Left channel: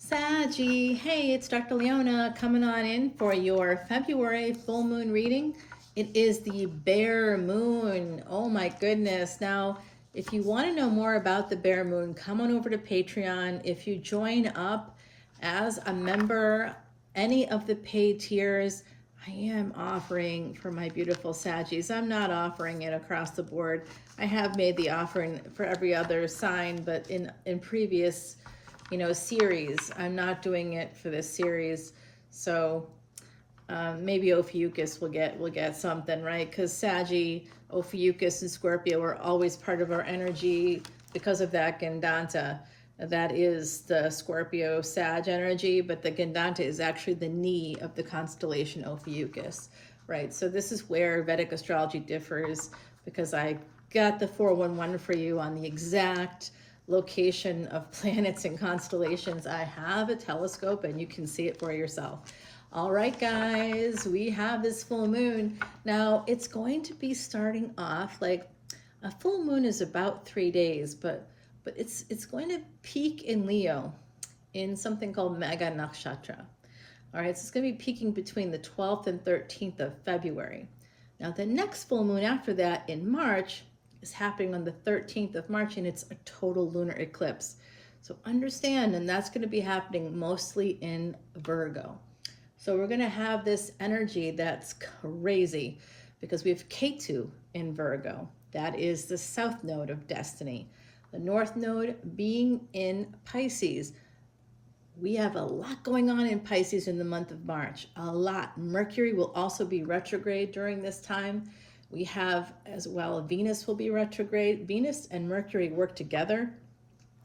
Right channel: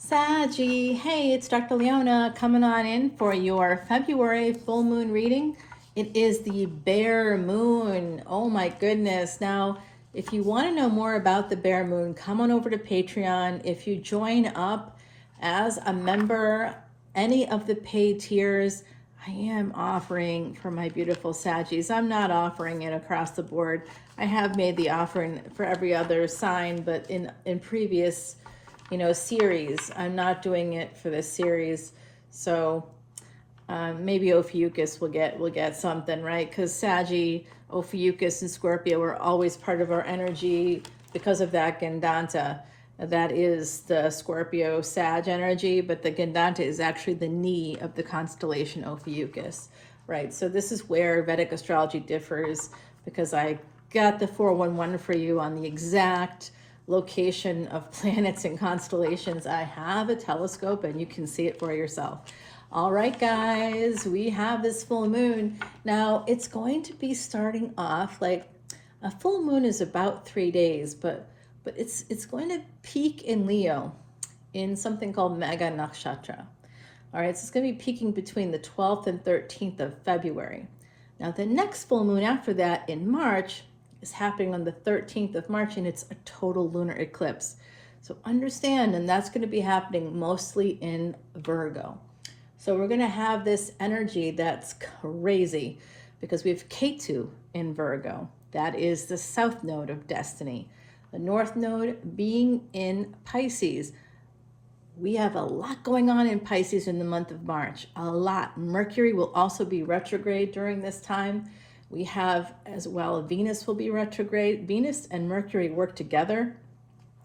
Saggie, hey, it's Dr. Leona coming on in for your February full moon reading. It is the bare moon. Oh my goodness. Now, if you want to know more about the bare moon, come on over to Patreon. If you join up as a member, any of the paid tiers, I am offering for my beautiful Saggies. I'm not offering it across the board. I have made the offering for every other sign, but in previous series. I'm not doing it for this series, so maybe Ophiuchus will get something, right? Because Saggie, Ophiuchus, and Scorpio are always part of our energy because of that Gandanta. That is the Scorpio Sag energy, but the Gandanta is actually the knee of the constellation Ophiuchus, right? So this is where Vedic astrology differs, because I got the 411 for you on the exact location of planets and constellations. I have a telescope and you can see it for yourself. All right, guys, we have this full moon. Now, it's going to be starting off like a full moon is about 3 days, but it's going to peak in Leo in something called Mega Nakshatra. All right, so it's going to be peaking between the 12th and 13th of February. Now, the next full moon after that in March is happening on the 13th of March, and it's a total lunar eclipse. So understand, and that's going to be happening mostly in Virgo. So we're going to have this energy that's crazy because we have Ketu in Virgo. That is the south node of destiny. The north node being in Pisces. We have a lot going on in Pisces in the month of March, a lot. Mercury will also be retrograde during this time. We have as well, Venus will be retrograde. Venus and Mercury work together.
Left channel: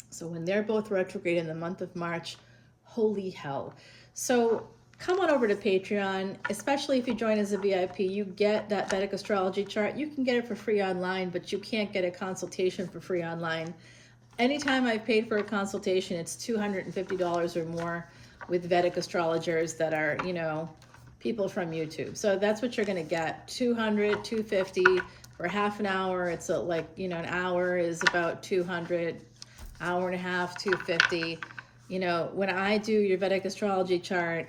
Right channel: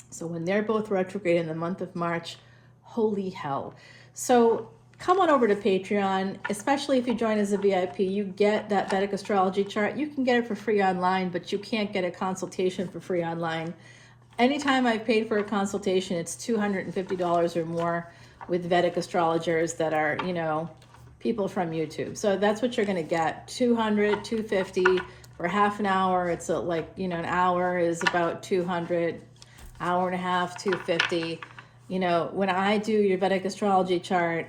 So when they're both retrograde in the month of March, holy hell. So come on over to Patreon, especially if you join as a VIP. You get that Vedic astrology chart. You can get it for free online, but you can't get a consultation for free online. Anytime I've paid for a consultation, it's $250 or more with Vedic astrologers that are, people from YouTube. So that's what you're going to get. $200, $250 for half an hour. It's an hour is about $200, hour and a half, $250. When I do your Vedic astrology chart,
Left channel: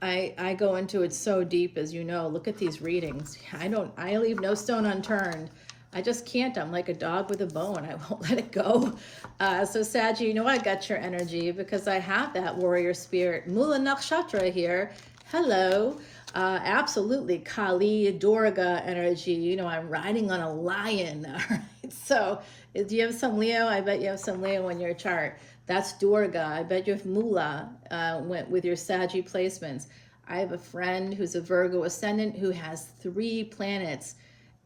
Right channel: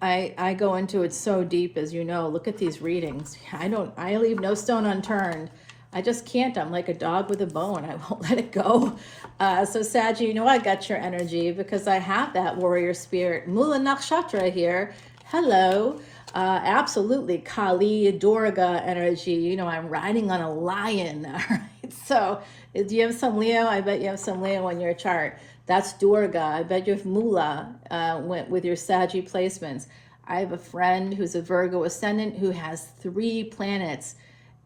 I go into it so deep, as you know. Look at these readings. I leave no stone unturned. I just can't. I'm like a dog with a bone. I won't let it go. So Saggie, I got your energy because I have that warrior spirit. Mula Nakshatra here. Hello. Absolutely. Kali, Durga energy. I'm riding on a lion. All right. So do you have some Leo? I bet you have some Leo on your chart. That's Durga. I bet you have Mula with your Saggie placements. I have a friend who's a Virgo Ascendant who has 3 planets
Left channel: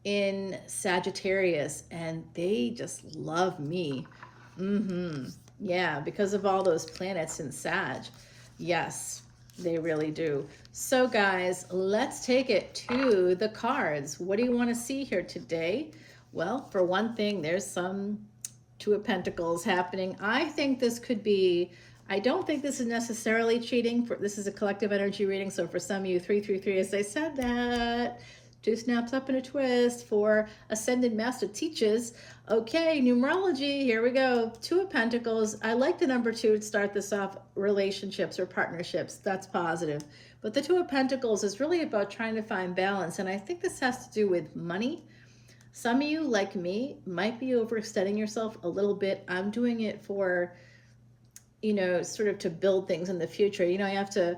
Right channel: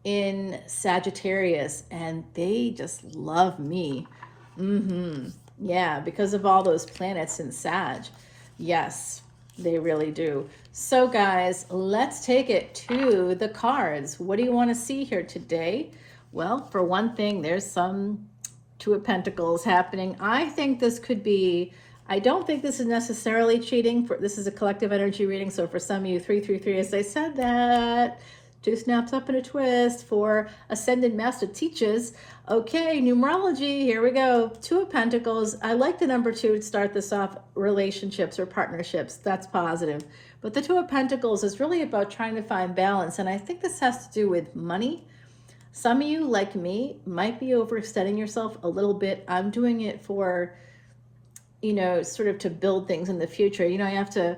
in Sagittarius, and they just love me. Yeah, because of all those planets in Sag. Yes, they really do. So guys, let's take it to the cards. What do you want to see here today? Well, for one thing, there's some Two of Pentacles happening. I think this could be, I don't think this is necessarily cheating. This is a collective energy reading, so for some of you, 333, as I said that, 2 snaps up and a twist for Ascended Master Teachers. Okay, numerology, here we go. 2 of Pentacles. I like the number 2 to start this off, relationships or partnerships. That's positive. But the 2 of Pentacles is really about trying to find balance, and I think this has to do with money. Some of you, like me, might be overextending yourself a little bit. I'm doing it for, sort of to build things in the future. I have to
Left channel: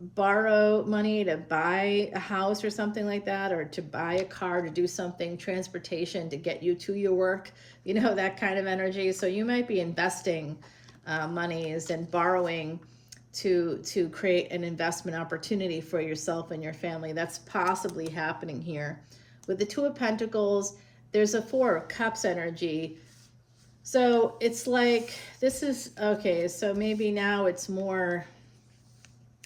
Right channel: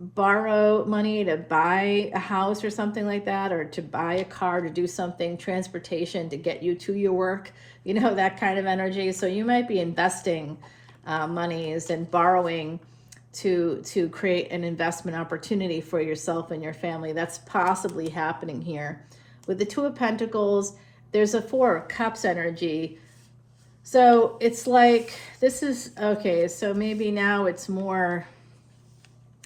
borrow money to buy a house or something like that, or to buy a car to do something, transportation to get you to your work, that kind of energy. So you might be investing monies and borrowing to create an investment opportunity for yourself and your family. That's possibly happening here. With the 2 of Pentacles, there's a 4 of Cups energy. So it's like, this is, okay, so maybe now it's more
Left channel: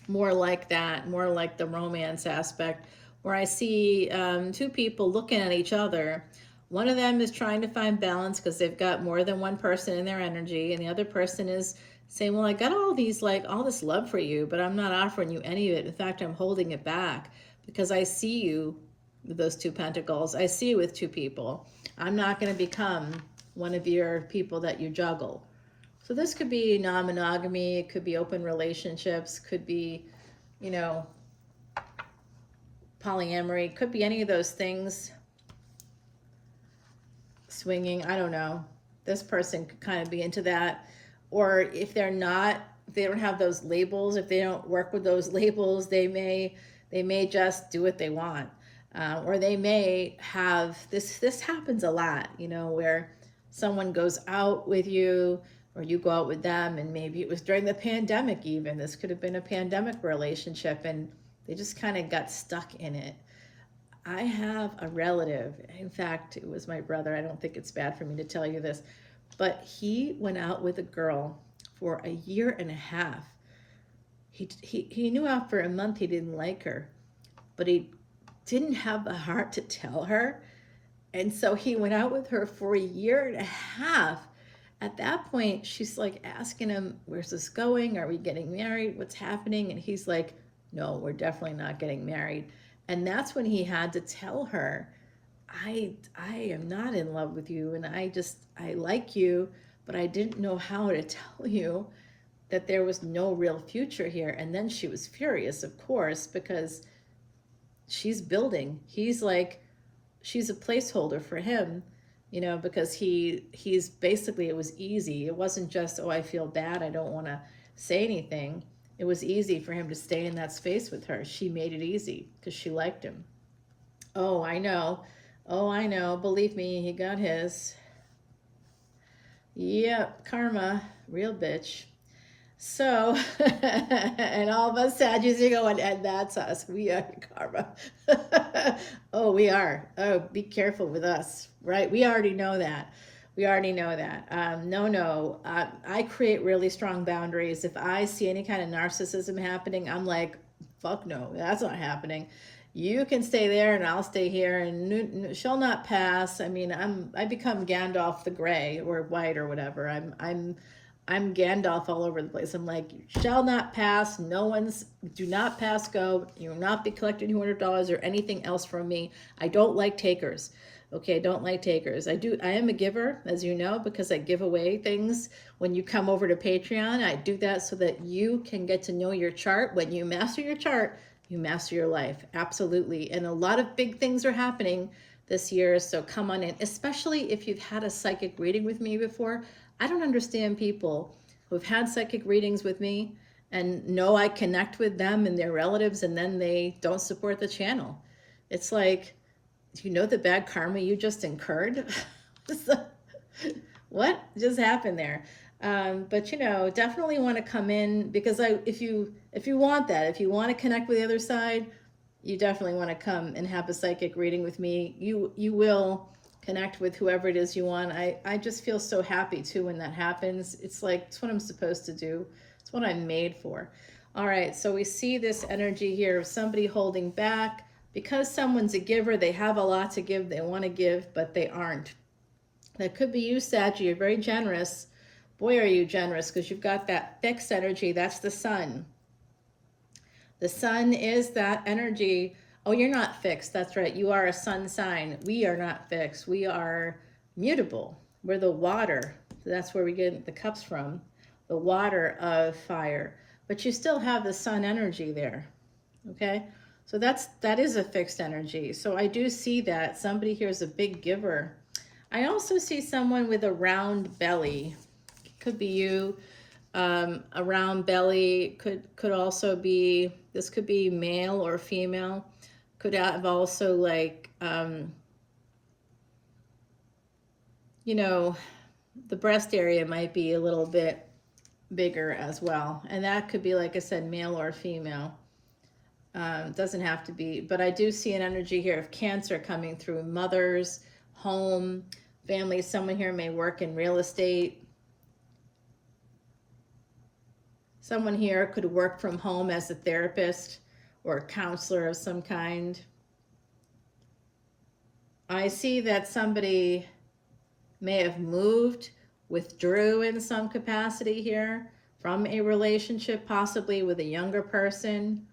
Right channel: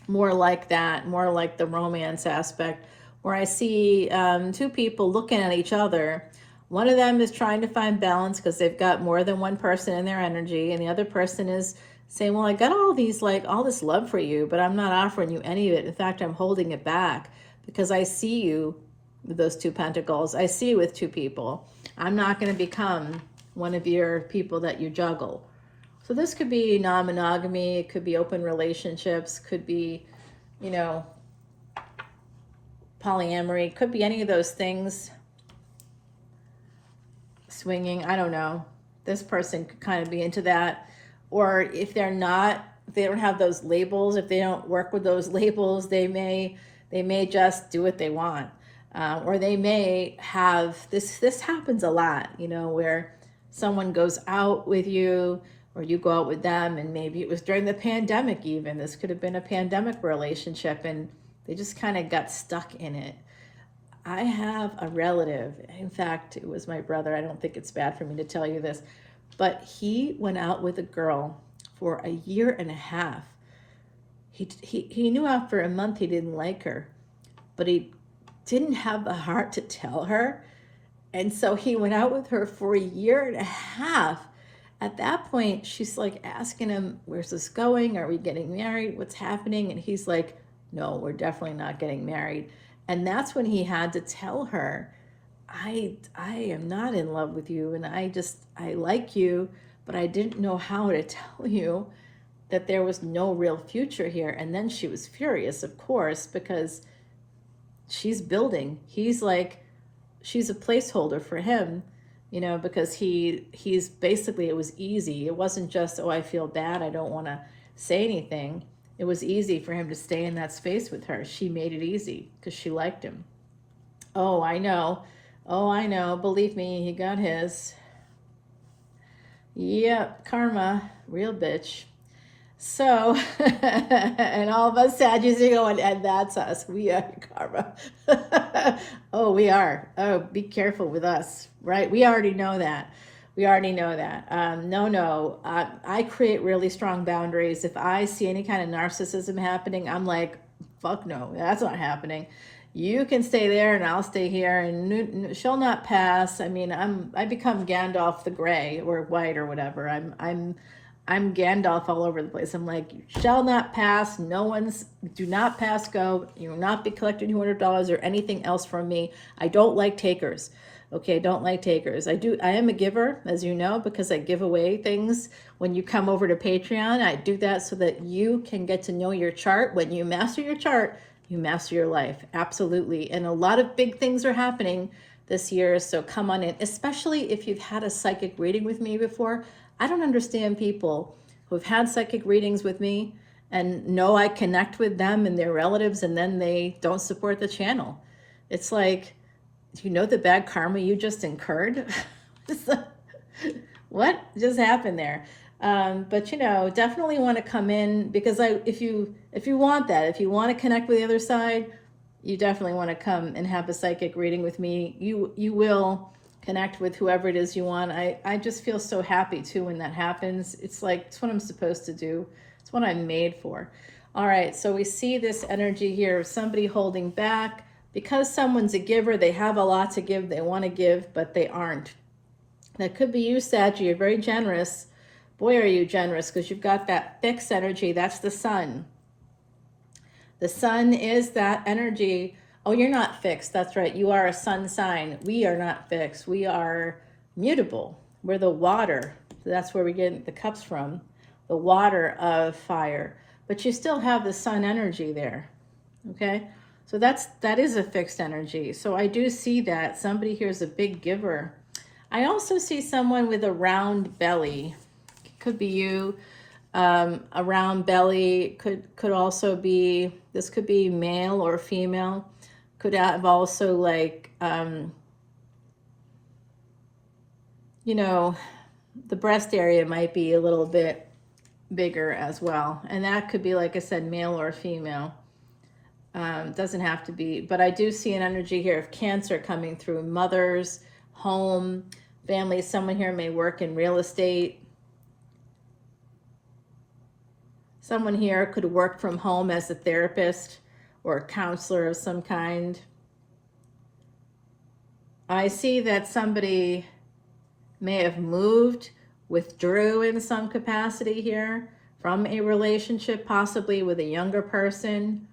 like that, more like the romance aspect, where I see 2 people looking at each other. One of them is trying to find balance because they've got more than one person in their energy, and the other person is saying, well, I got all this love for you, but I'm not offering you any of it. In fact, I'm holding it back because I see you with those 2 Pentacles. I see you with 2 people. I'm not going to become one of your people that you juggle. So this could be non-monogamy, it could be open relationships, could be, you know, polyamory, could be any of those things. Swinging, I don't know. This person could kind of be into that. Or if they're not, if they don't have those labels, if they don't work with those labels, they may just do what they want. Or they may have this happens a lot, you know, where someone goes out with you or you go out with them, and maybe it was during the pandemic. Even this could have been a pandemic relationship, and they just kind of got stuck in it. I have a relative, in fact it was my brother, I don't think it's bad for me to tell you this, but he went out with a girl for a year and a half. He knew after a month he didn't like her, but he didn't have the heart to tell her. And so he went out with her for a year and a half. At that point, she's like asking him, where's this going? Are we getting married? What's happening? And he's like, no, we're definitely not getting married. And that's when he had to tell her, I am not in love with you, and I like you, but I didn't know how to tell you that there was no real future here. And then she was furious, of course, because she's building. He's like, she's a placeholder for him, you know, because he's basically, it was easy. It wasn't just, oh, I feel bad, I don't want to say anything. It was easy for him to stay in that space with her. She made it easy because she liked him. Oh, I know. Oh, I know. Believe me, he got his. Yep, karma, real bitch. So, and all of us Saggies are going, and that's us. We are karma. Oh, we are. Oh, be careful with us, right? We already know that. We already know that. No. I create really strong boundaries. If I see any kind of narcissism happening, I'm like, fuck no, that's not happening. You can stay there and I'll stay here, and shall not pass. I mean, I become Gandalf the Gray or White or whatever. I'm Gandalf all over the place. I'm like, shall not pass. Do not pass go. You will not be collecting $200 or anything else from me. I don't like takers. Okay, don't like takers. I am a giver, as you know, because I give away things. When you come over to Patreon, I do that so that you can get to know your chart. When you master your chart, you master your life. Absolutely. And a lot of big things are happening this year, so come on in, especially if you've had a psychic reading with me before. I don't understand people who've had psychic readings with me and know I connect with them and their relatives, and then they don't support the channel. It's like, do you know the bad karma you just incurred? What just happened there? But you know, definitely want to come in, because if you want that, if you want to connect with the other side, you definitely want to come and have a psychic reading with me. You will connect with whoever it is you want. I just feel so happy too when that happens. It's like, it's what I'm supposed to do. It's what I'm made for. All right, so we see this energy here of somebody holding back. Because someone's a giver, they have a lot to give, they want to give, but they aren't. That could be you, Saggie. You're very generous. Boy, are you generous, because you've got that fixed energy. That's the sun. The sun is that energy. Oh, you're not fixed. That's right. You are a sun sign. We are not fixed. We are mutable. We're the water. So that's where we get the cups from. The water of fire. But you still have the sun energy there. Okay? So that is a fixed energy. So I do see that. Somebody here is a big giver. I also see someone with a round belly. It could be you. A round belly could also be, this could be male or female. Could have also, like, you know, the breast area might be a little bit bigger as well. And that could be, like I said, male or female. Doesn't have to be, but I do see an energy here of Cancer coming through. Mothers, home, family. Someone here may work in real estate. Someone here could work from home as a therapist or a counselor of some kind. I see that somebody may have moved, withdrew in some capacity here from a relationship, possibly with a younger person.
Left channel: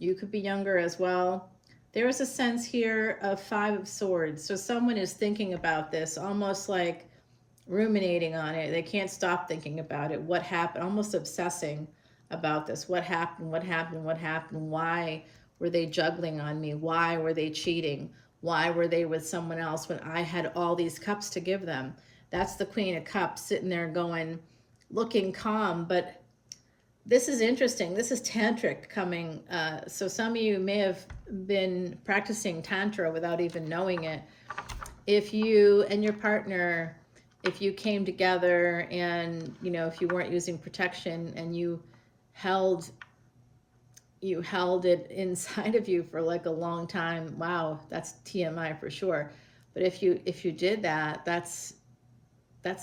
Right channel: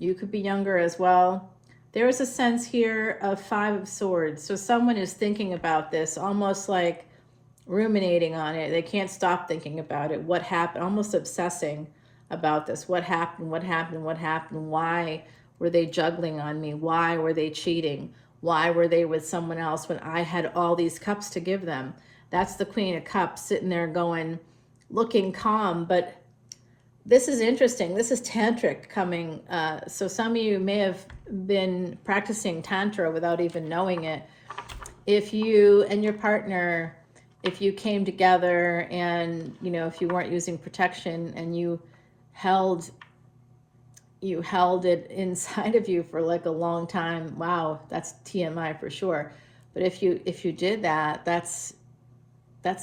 You could be younger as well. There's a sense here of 5 of Swords. So someone is thinking about this, almost like ruminating on it. They can't stop thinking about it. What happened? Almost obsessing about this. What happened? What happened? What happened? Why were they juggling on me? Why were they cheating? Why were they with someone else when I had all these cups to give them? That's the Queen of Cups sitting there going, looking calm. But this is interesting. This is tantric coming. So some of you may have been practicing tantra without even knowing it. If you and your partner, if you came together and, you know, if you weren't using protection and you held it inside of you for like a long time, wow, that's TMI for sure. But if you did that, that's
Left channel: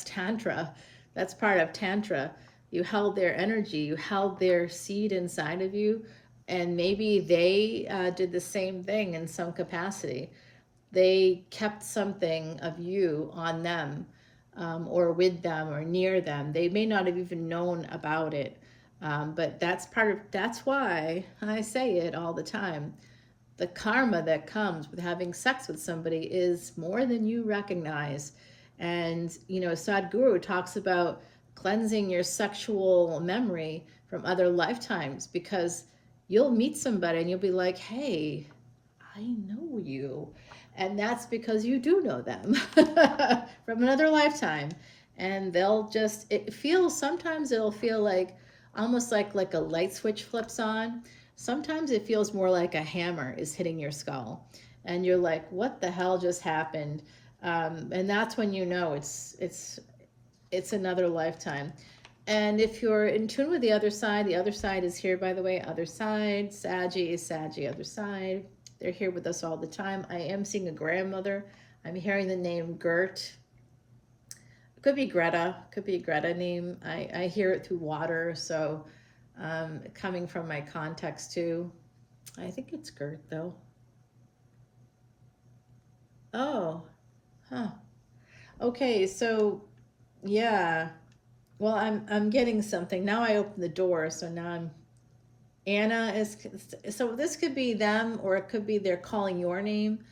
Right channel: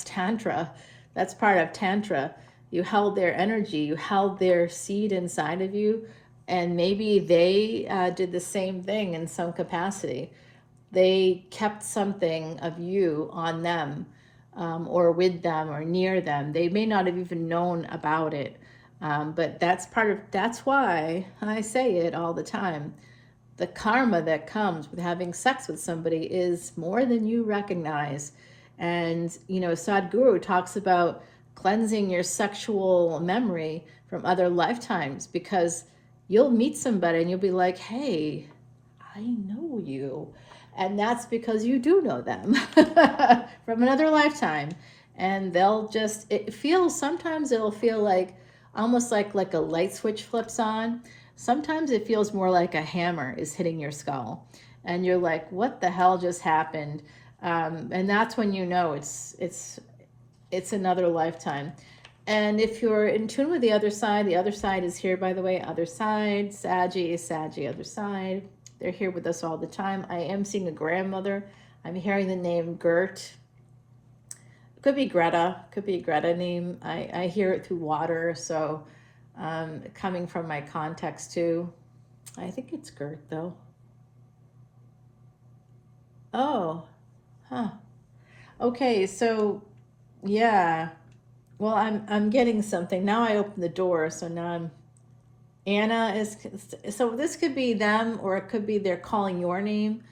tantra. That's part of tantra. You held their energy, you held their seed inside of you, and maybe they did the same thing in some capacity. They kept something of you on them, or with them or near them. They may not have even known about it. But that's why I say it all the time. The karma that comes with having sex with somebody is more than you recognize. And, you know, Sadhguru talks about cleansing your sexual memory from other lifetimes, because you'll meet somebody and you'll be like, hey, I know you. And that's because you do know them from another lifetime. And they'll just, sometimes it'll feel like, almost like a light switch flips on. Sometimes it feels more like a hammer is hitting your skull. And you're like, what the hell just happened? And that's when you know it's another lifetime. And if you're in tune with the other side is here, by the way, other side, Saggie, other side. They're here with us all the time. I am seeing a grandmother. I'm hearing the name Gert. Could be Greta name. I hear it through water, so coming from my context too. I think it's Gert though. Oh, huh. Okay, so yeah. Well, I'm getting something. Now I open the door, so now Anna is, so this could be them, or it could be they're calling your name,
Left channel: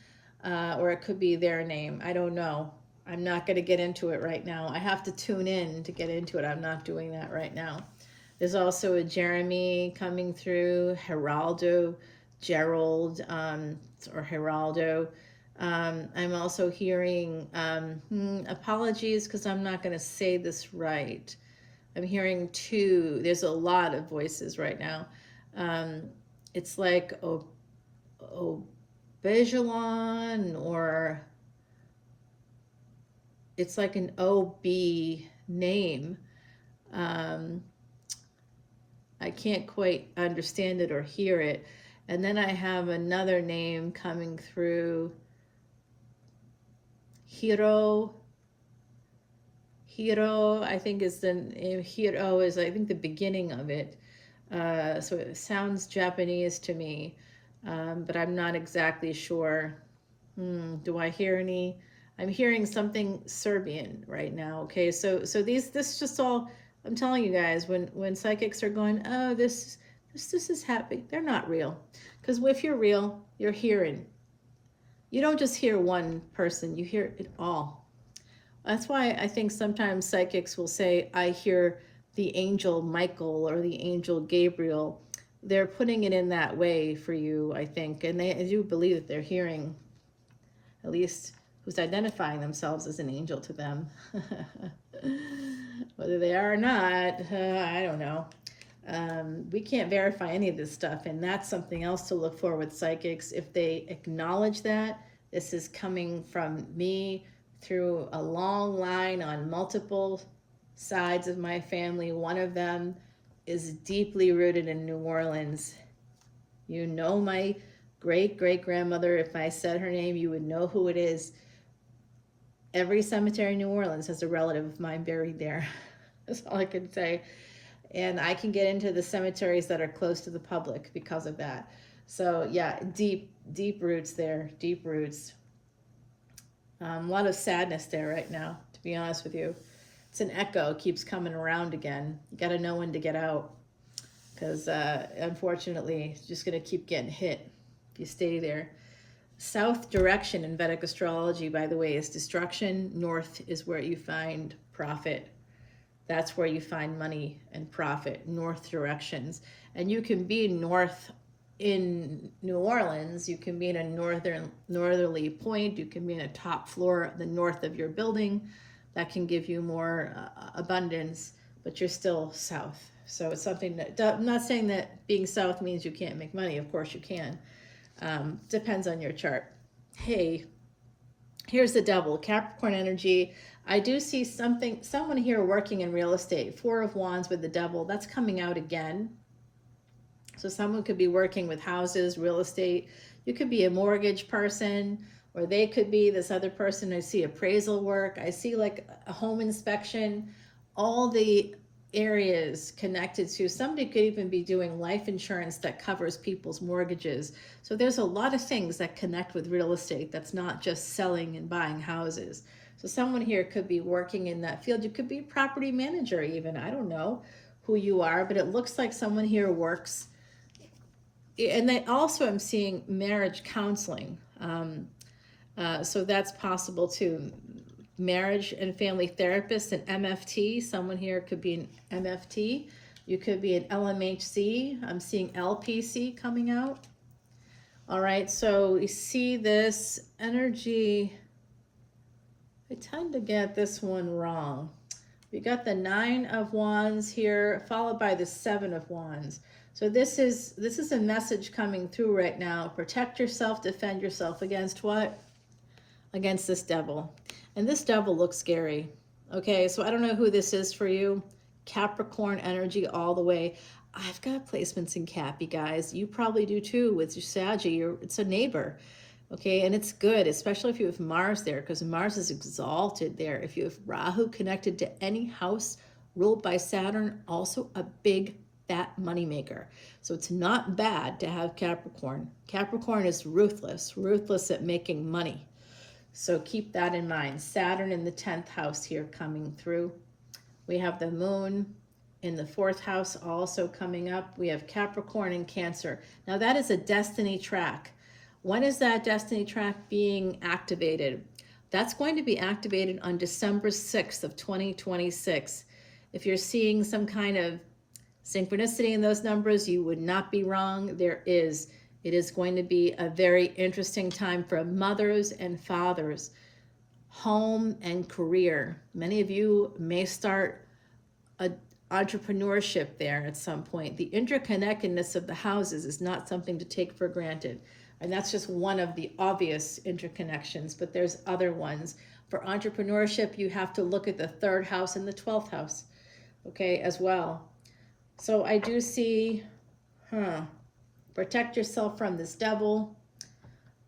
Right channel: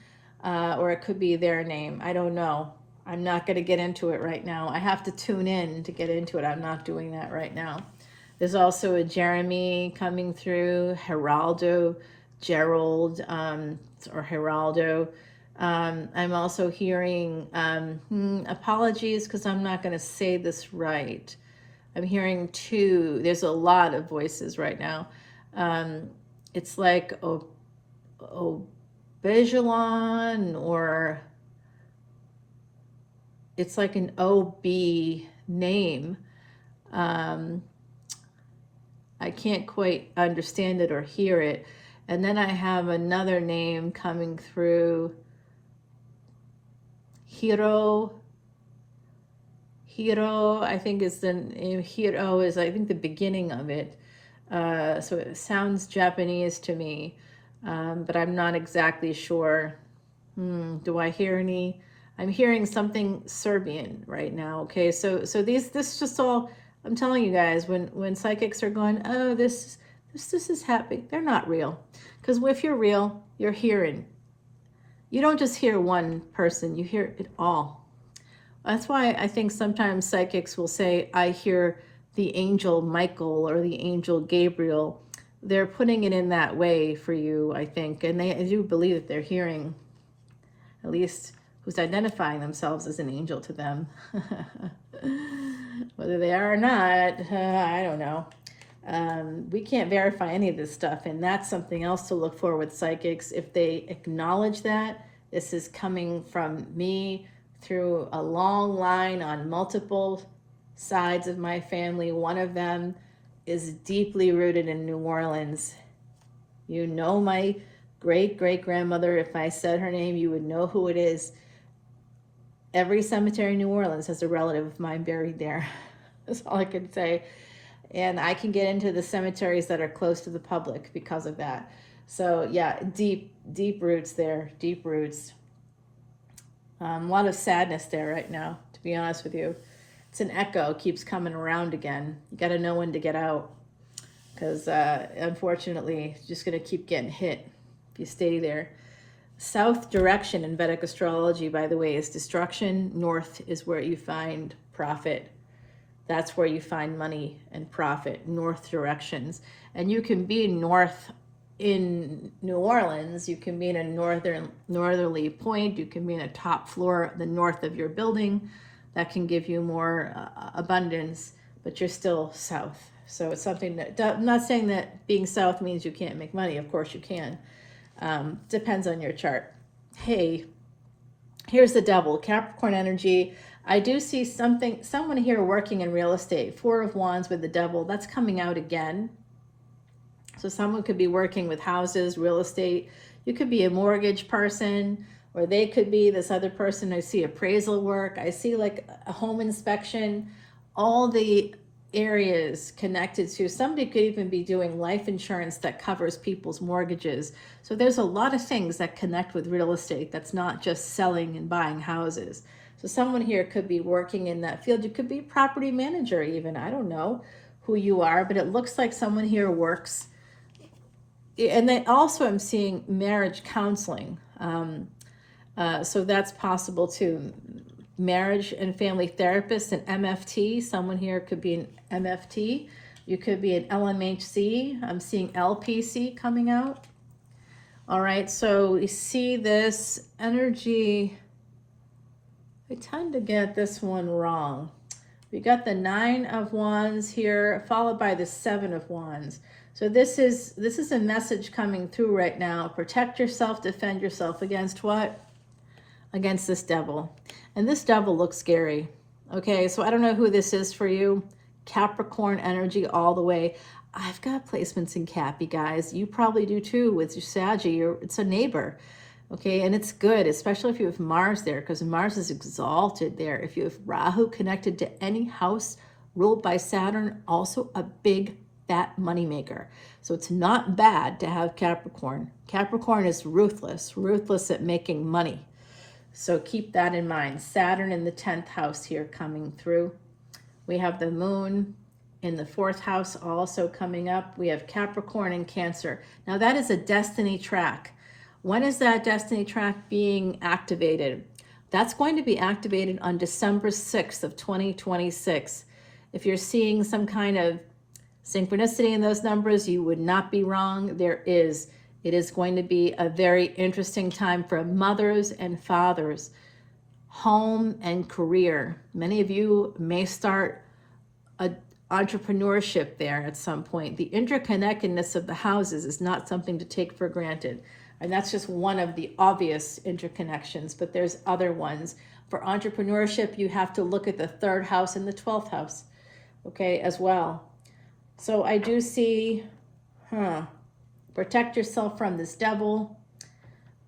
or it could be their name. I don't know. I'm not going to get into it right now. I have to tune in to get into it. I'm not doing that right now. There's also a Jeremy coming through, Geraldo, Gerald, or Geraldo. I'm also hearing, apologies because I'm not going to say this right. I'm hearing two. There's a lot of voices right now. It's like Bejalon, or it's like an OB name. I can't quite understand it or hear it. And then I have another name coming through. Hiro, I think is the name. Hiro is, I think, the beginning of it. So it sounds Japanese to me, but I'm not exactly sure. Do I hear any? I'm hearing something Serbian right now. Okay, so this just all, I'm telling you guys, when psychics are going, oh, this is happy, they're not real. Because if you're real, you're hearing. You don't just hear one person, you hear it all. That's why I think sometimes psychics will say, I hear the angel Michael or the angel Gabriel. They're putting it in that way for you, I think. And I do believe that they're hearing, at least who's identifying themselves as an angel to them. Whether they are or not, I don't know. We can't verify any of this stuff, and that's something else to look for with psychics. If they acknowledge that this is coming from me through a long line on multiple sides of my family, one of them is deeply rooted in New Orleans. You know my great-great-grandmother. If I said her name, you would know who it is. Every cemetery in New Orleans has a relative of mine buried there. That's all I can say. And I can get into the cemeteries that are close to the public because of that. So yeah, deep roots there, deep roots. A lot of sadness there right now, to be honest with you. It's an echo, it keeps coming around again. You got to know when to get out, because unfortunately, it's just going to keep getting hit if you stay there. South direction in Vedic astrology, by the way, is destruction. North is where you find profit. That's where you find money and profit, north directions. And you can be north in New Orleans, you can be in a northerly point, you can be in a top floor, the north of your building. That can give you more abundance, but you're still south. So it's something that, I'm not saying that being south means you can't make money. Of course you can. Depends on your chart. Hey, here's the Devil, Capricorn energy. I do see someone here working in real estate. 4 of Wands with the Devil. That's coming out again. So someone could be working with houses, real estate. You could be a mortgage person, or they could be this other person. I see appraisal work. I see like a home inspection. All the areas connected to, somebody could even be doing life insurance that covers people's mortgages. So there's a lot of things that connect with real estate that's not just selling and buying houses. So someone here could be working in that field. You could be a property manager even. I don't know who you are, but it looks like someone here works. And then also I'm seeing marriage counseling. So that's possible too. Marriage and family therapist and MFT. Someone here could be an MFT. You could be an LMHC. I'm seeing LPC coming out. All right, so we see this energy. I tend to get this one wrong. We got the 9 of Wands here, followed by the 7 of Wands. So this is a message coming through right now. Protect yourself, defend yourself against what? Against this devil. And this devil looks scary. Okay, so I don't know who this is for you. Capricorn energy all the way. I've got placements in Cappy, guys. You probably do too with your Saggie. It's a neighbor. Okay, and it's good, especially if you have Mars there, because Mars is exalted there. If you have Rahu connected to any house ruled by Saturn, also a big fat moneymaker. So it's not bad to have Capricorn. Capricorn is ruthless at making money. So keep that in mind. Saturn in the 10th house here coming through. We have the moon in the 4th house also coming up. We have Capricorn and Cancer. Now that is a destiny track. When is that destiny track being activated? That's going to be activated on December 6th of 2026. If you're seeing some kind of synchronicity in those numbers, you would not be wrong. There is. It is going to be a very interesting time for mothers and fathers, home and career. Many of you may start an entrepreneurship there at some point. The interconnectedness of the houses is not something to take for granted. And that's just one of the obvious interconnections, but there's other ones. For entrepreneurship, you have to look at the 3rd house and the 12th house, okay, as well. So I do see, protect yourself from this devil.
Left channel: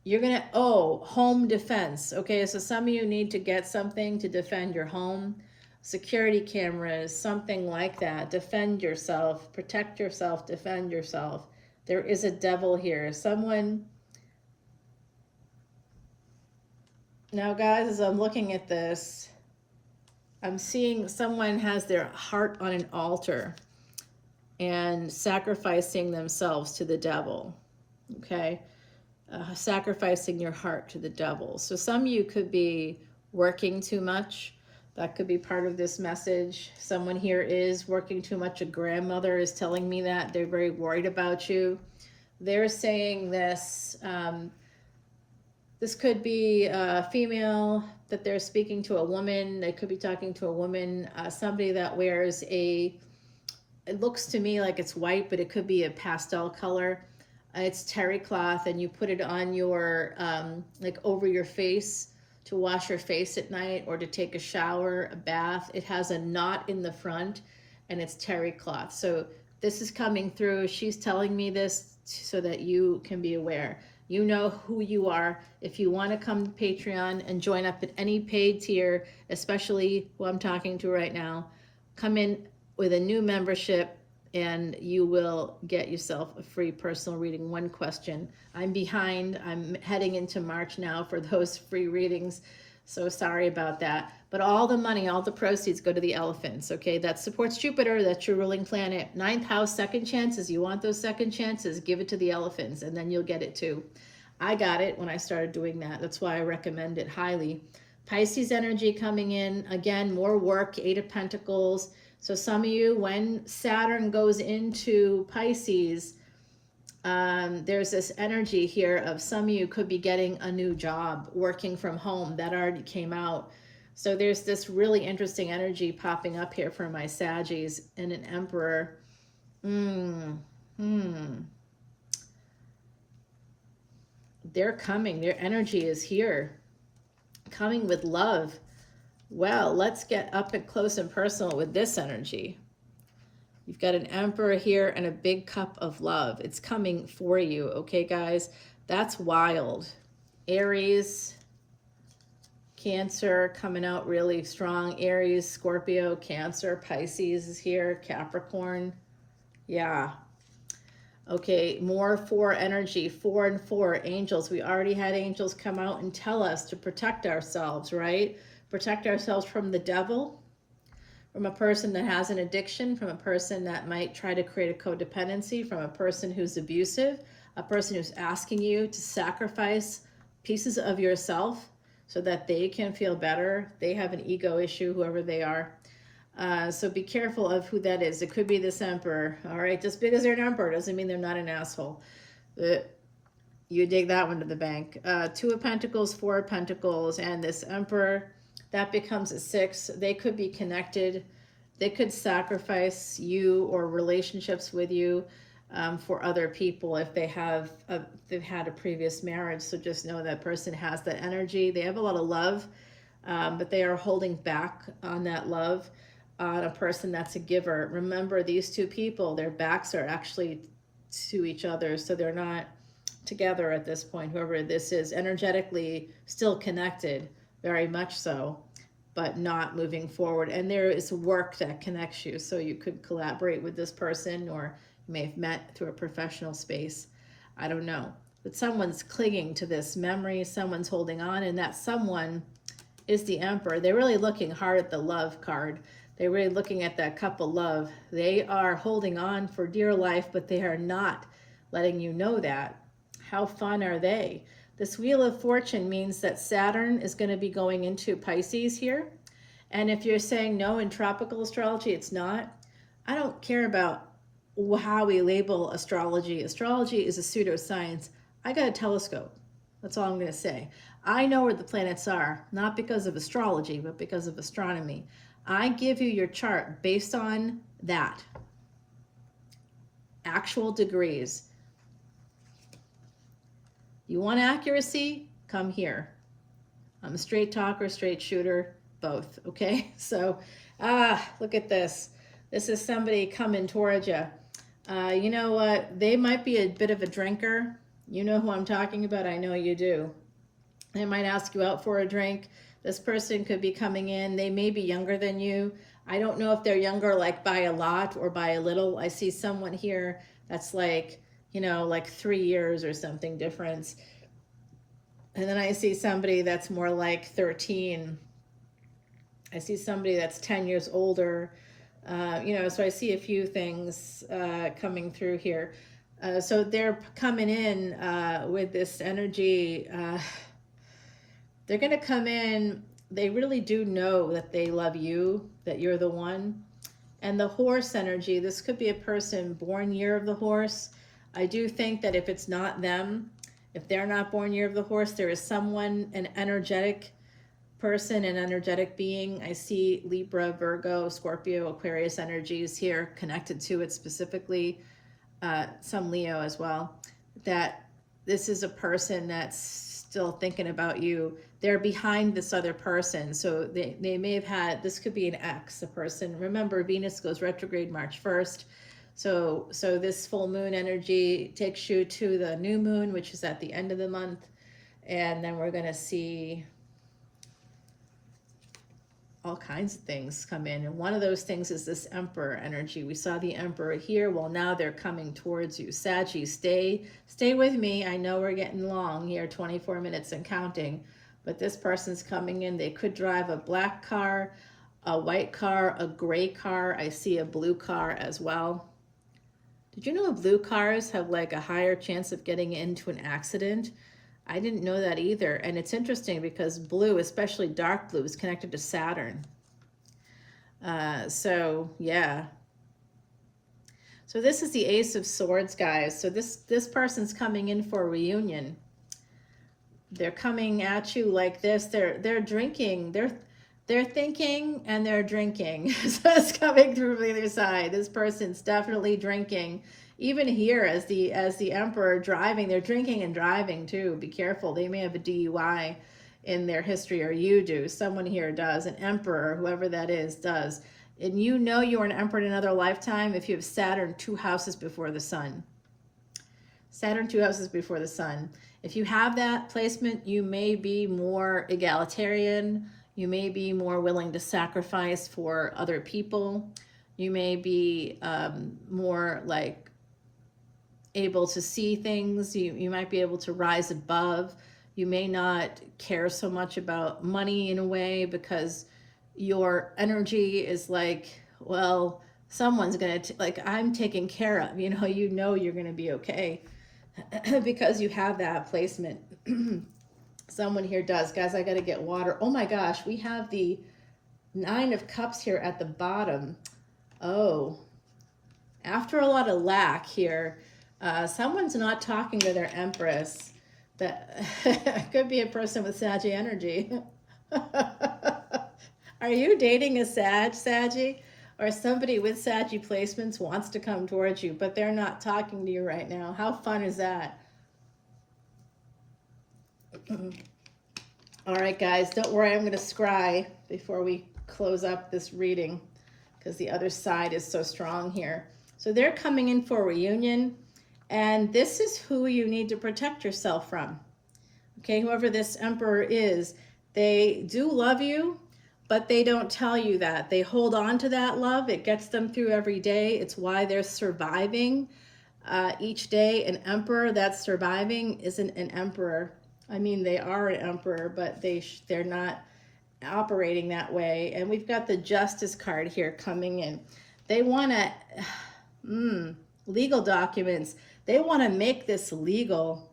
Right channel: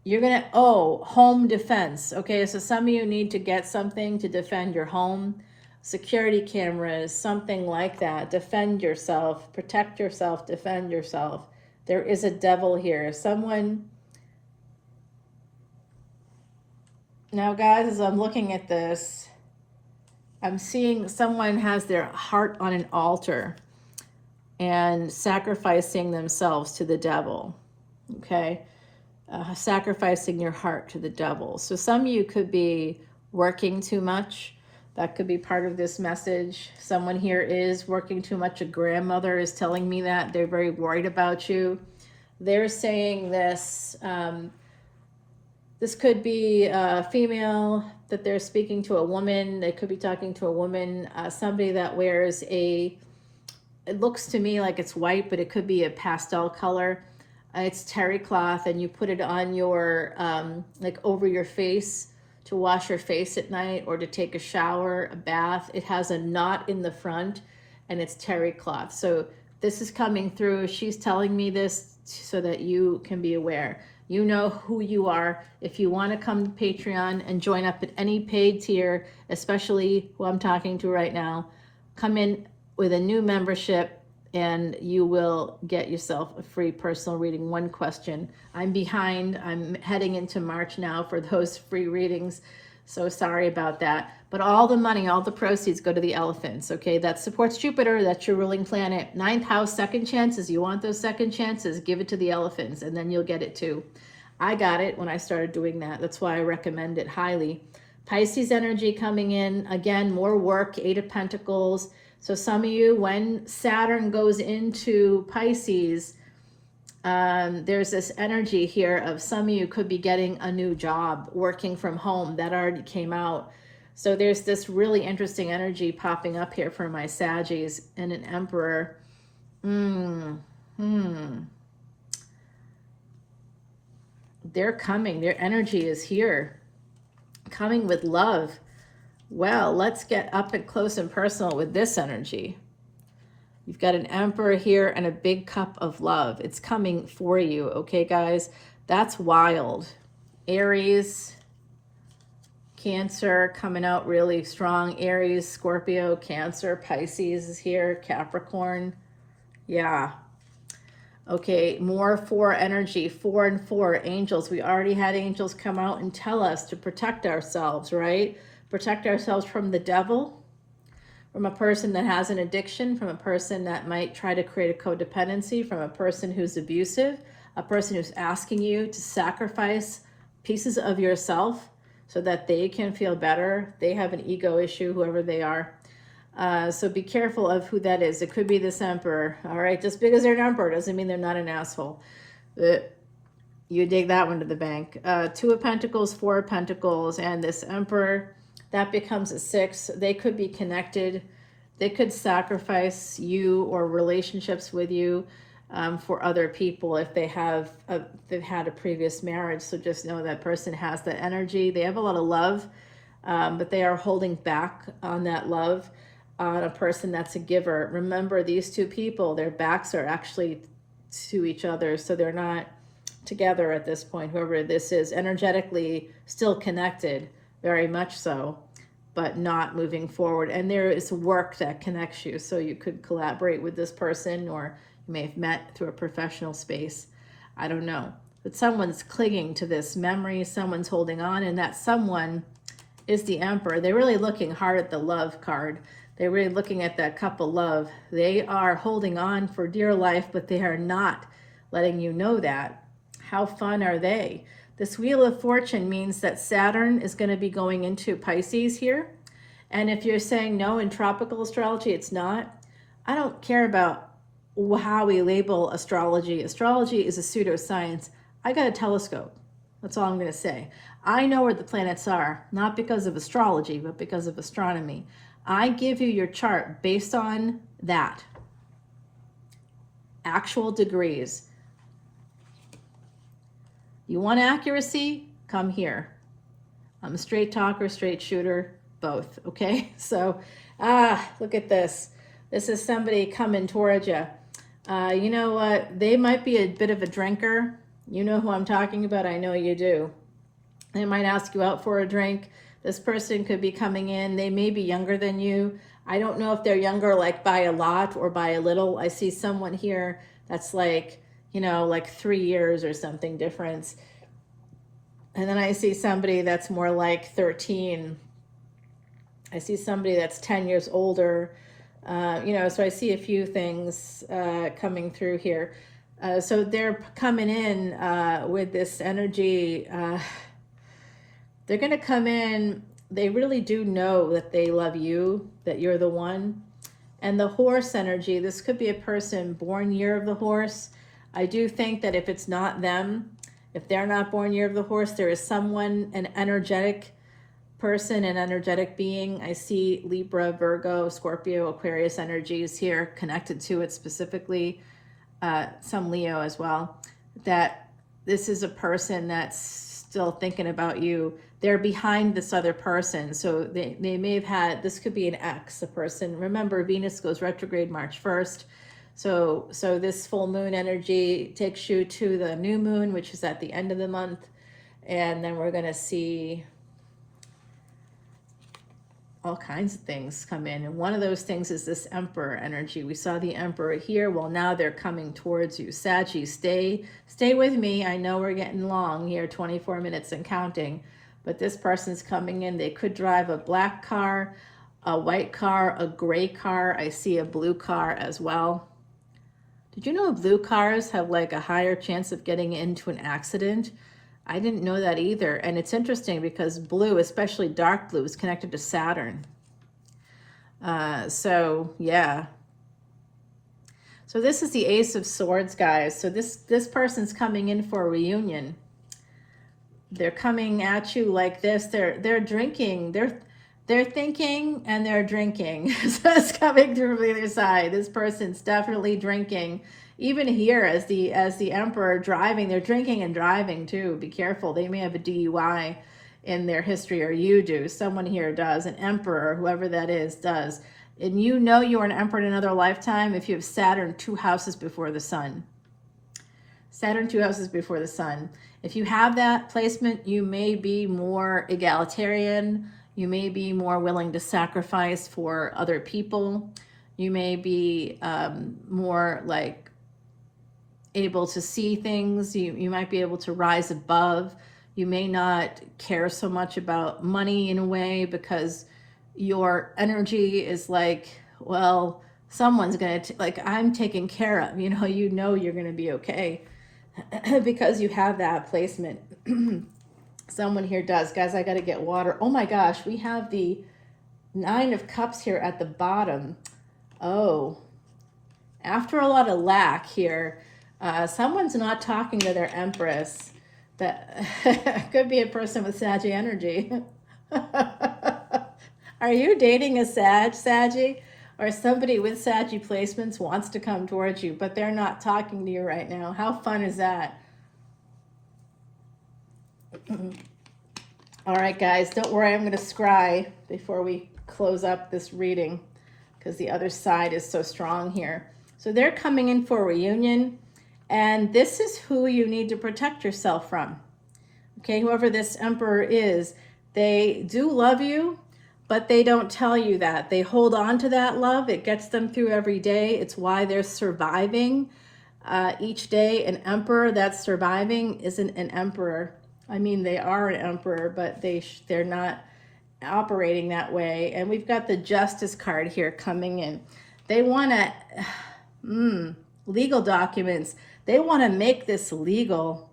You're gonna, home defense. Okay, so some of you need to get something to defend your home. Security cameras, something like that. Defend yourself, protect yourself, defend yourself. There is a devil here. Someone, now guys, as I'm looking at this, I'm seeing someone has their heart on an altar and sacrificing themselves to the devil, okay? Sacrificing your heart to the devil. So some of you could be working too much. That could be part of this message. Someone here is working too much. A grandmother is telling me that. They're very worried about you. They're saying this. This could be a female that they're speaking to, a woman. They could be talking to a woman, somebody that wears it looks to me like it's white, but it could be a pastel color. It's terry cloth, and you put it on your, like over your face to wash your face at night or to take a shower, a bath. It has a knot in the front, and it's terry cloth. So this is coming through. She's telling me this so that you can be aware. You know who you are. If you want to come to Patreon and join up at any paid tier, especially who I'm talking to right now, come in with a new membership and you will get yourself a free personal reading, 1 question. I'm behind. I'm heading into March now for those free readings. So sorry about that. But all the money, all the proceeds go to the elephants, okay? That supports Jupiter. That's your ruling planet. 9th house, second chances. You want those second chances, give it to the elephants, and then you'll get it too. I got it when I started doing that. That's why I recommend it highly. Pisces energy coming in. Again, more work, 8 of Pentacles. So some of you, when Saturn goes into Pisces, there's this energy here of some of you could be getting a new job, working from home. That already came out. So there's this really interesting energy popping up here for my Saggies and an Emperor. They're coming. Their energy is here. Coming with love. Well, let's get up and close and personal with this energy. You've got an Emperor here and a big cup of love. It's coming for you, okay, guys? That's wild. Aries, Cancer coming out really strong. Aries, Scorpio, Cancer, Pisces is here, Capricorn. Yeah. Okay, more 4 energy, 4 and 4, angels. We already had angels come out and tell us to protect ourselves, right? Protect ourselves from the devil, from a person that has an addiction, from a person that might try to create a codependency, from a person who's abusive, a person who's asking you to sacrifice pieces of yourself so that they can feel better. They have an ego issue, whoever they are. So be careful of who that is. It could be this Emperor, all right? Just because they're an Emperor doesn't mean they're not an asshole. You dig that one to the bank. 2 of Pentacles, 4 of Pentacles, and this Emperor, that becomes a 6. They could be connected. They could sacrifice you or relationships with you for other people if they have they've had a previous marriage. So just know that person has that energy. They have a lot of love, but they are holding back on that love on a person that's a giver. Remember, these 2 people, their backs are actually to each other, so they're not together at this point. Whoever this is, energetically still connected, very much so, but not moving forward. And there is work that connects you, so you could collaborate with this person, or you may have met through a professional space. I don't know, but someone's clinging to this memory, someone's holding on, and that someone is the Emperor. They're really looking hard at the love card. They're really looking at that cup of love. They are holding on for dear life, but they are not letting you know that. How fun are they? This Wheel of Fortune means that Saturn is going to be going into Pisces here. And if you're saying no, in tropical astrology, it's not. I don't care about how we label astrology. Astrology is a pseudoscience. I got a telescope. That's all I'm going to say. I know where the planets are, not because of astrology, but because of astronomy. I give you your chart based on that. Actual degrees. You want accuracy? Come here. I'm a straight talker, straight shooter, both, okay? So, look at this. This is somebody coming towards you. You know what? They might be a bit of a drinker. You know who I'm talking about? I know you do. They might ask you out for a drink. This person could be coming in. They may be younger than you. I don't know if they're younger like by a lot or by a little. I see someone here that's like, you know, like 3 years or something difference. And then I see somebody that's more like 13. I see somebody that's 10 years older. You know, so I see a few things coming through here. So they're coming in with this energy. They're going to come in. They really do know that they love you, that you're the one. And the horse energy, this could be a person born year of the horse. I do think that if it's not them, if they're not born year of the horse, there is someone, an energetic person, an energetic being. I see Libra, Virgo, Scorpio, Aquarius energies here connected to it specifically. Some Leo as well. That this is a person that's still thinking about you. They're behind this other person. So they may have had, this could be an ex, a person. Remember, Venus goes retrograde March 1st. So this full moon energy takes you to the new moon, which is at the end of the month. And then we're going to see all kinds of things come in. And one of those things is this Emperor energy. We saw the Emperor here. Well, now they're coming towards you. Saggie, stay with me. I know we're getting long here, 24 minutes and counting. But this person's coming in. They could drive a black car, a white car, a gray car. I see a blue car as well. Did you know blue cars have like a higher chance of getting into an accident I didn't know that either. And it's interesting because blue, especially dark blue, is connected to Saturn. So yeah. So this is the Ace of Swords, guys. So this person's coming in for a reunion. They're coming at you like this. They're drinking. They're thinking and they're drinking. So it's coming through the other side. This person's definitely drinking. Even here, as the Emperor driving, they're drinking and driving too. Be careful. They may have a DUI in their history, or you do. Someone here does. An Emperor, whoever that is, does. And you know you were an Emperor in another lifetime if you have Saturn 2 houses before the Sun. Saturn 2 houses before the Sun. If you have that placement, you may be more egalitarian. You may be more willing to sacrifice for other people. You may be more like able to see things. You might be able to rise above. You may not care so much about money in a way because your energy is like, well, someone's gonna like, I'm taken care of. You know you're gonna be okay because you have that placement. Someone here does. Guys, I gotta get water. Oh my gosh, we have the 9 of Cups here at the bottom. Oh, after a lot of lack here, someone's not talking to their Empress. That could be a person with Saggie energy. Are you dating a Saggie? Or somebody with Saggie placements wants to come towards you, but they're not talking to you right now. How fun is that? All right, guys, don't worry. I'm going to scry before we close up this reading because the other side is so strong here. So they're coming in for a reunion, and this is who you need to protect yourself from. Okay, whoever this Emperor is, they do love you, but they don't tell you that. They hold on to that love. It gets them through every day. It's why they're surviving each day. An emperor that's surviving isn't an emperor. I mean, they are an emperor, but they're not operating that way. And we've got the Justice card here coming in. They want to, legal documents. They want to make this legal.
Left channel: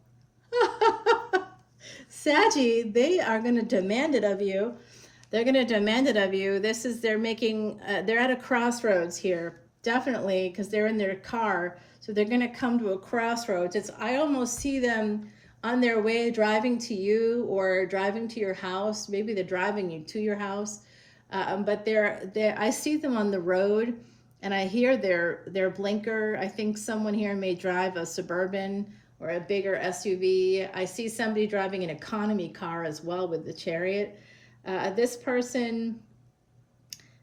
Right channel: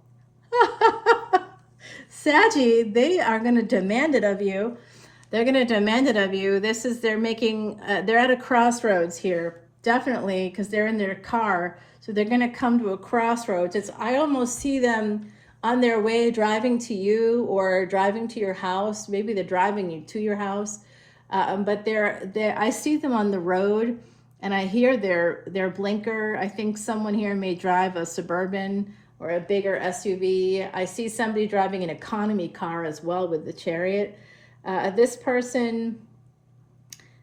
Saggie, they are going to demand it of you. They're going to demand it of you. They're at a crossroads here, definitely, because they're in their car. So they're going to come to a crossroads. I almost see them on their way driving to you or driving to your house. Maybe they're driving you to your house. But I see them on the road, and I hear their blinker. I think someone here may drive a Suburban or a bigger SUV. I see somebody driving an economy car as well with the Chariot. This person,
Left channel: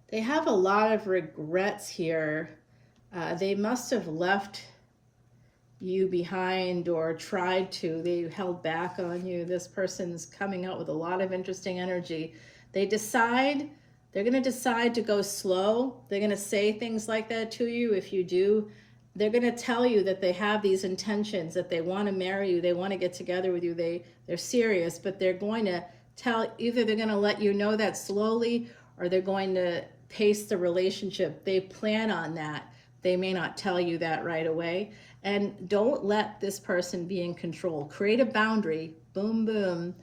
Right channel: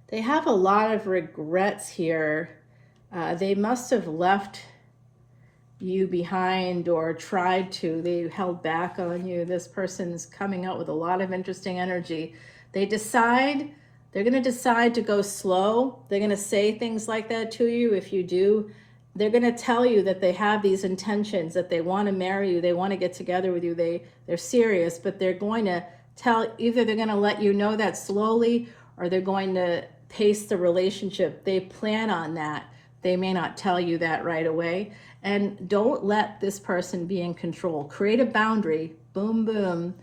they have a lot of regrets here. They must have left you behind or tried to. They held back on you. This person's coming out with a lot of interesting energy. They're going to decide to go slow. They're going to say things like that to you. If you do, they're going to tell you that they have these intentions, that they want to marry you. They want to get together with you. They're serious, but they're going to either they're going to let you know that slowly, or they're going to pace the relationship. They plan on that. They may not tell you that right away. And don't let this person be in control. Create a boundary. Boom, boom.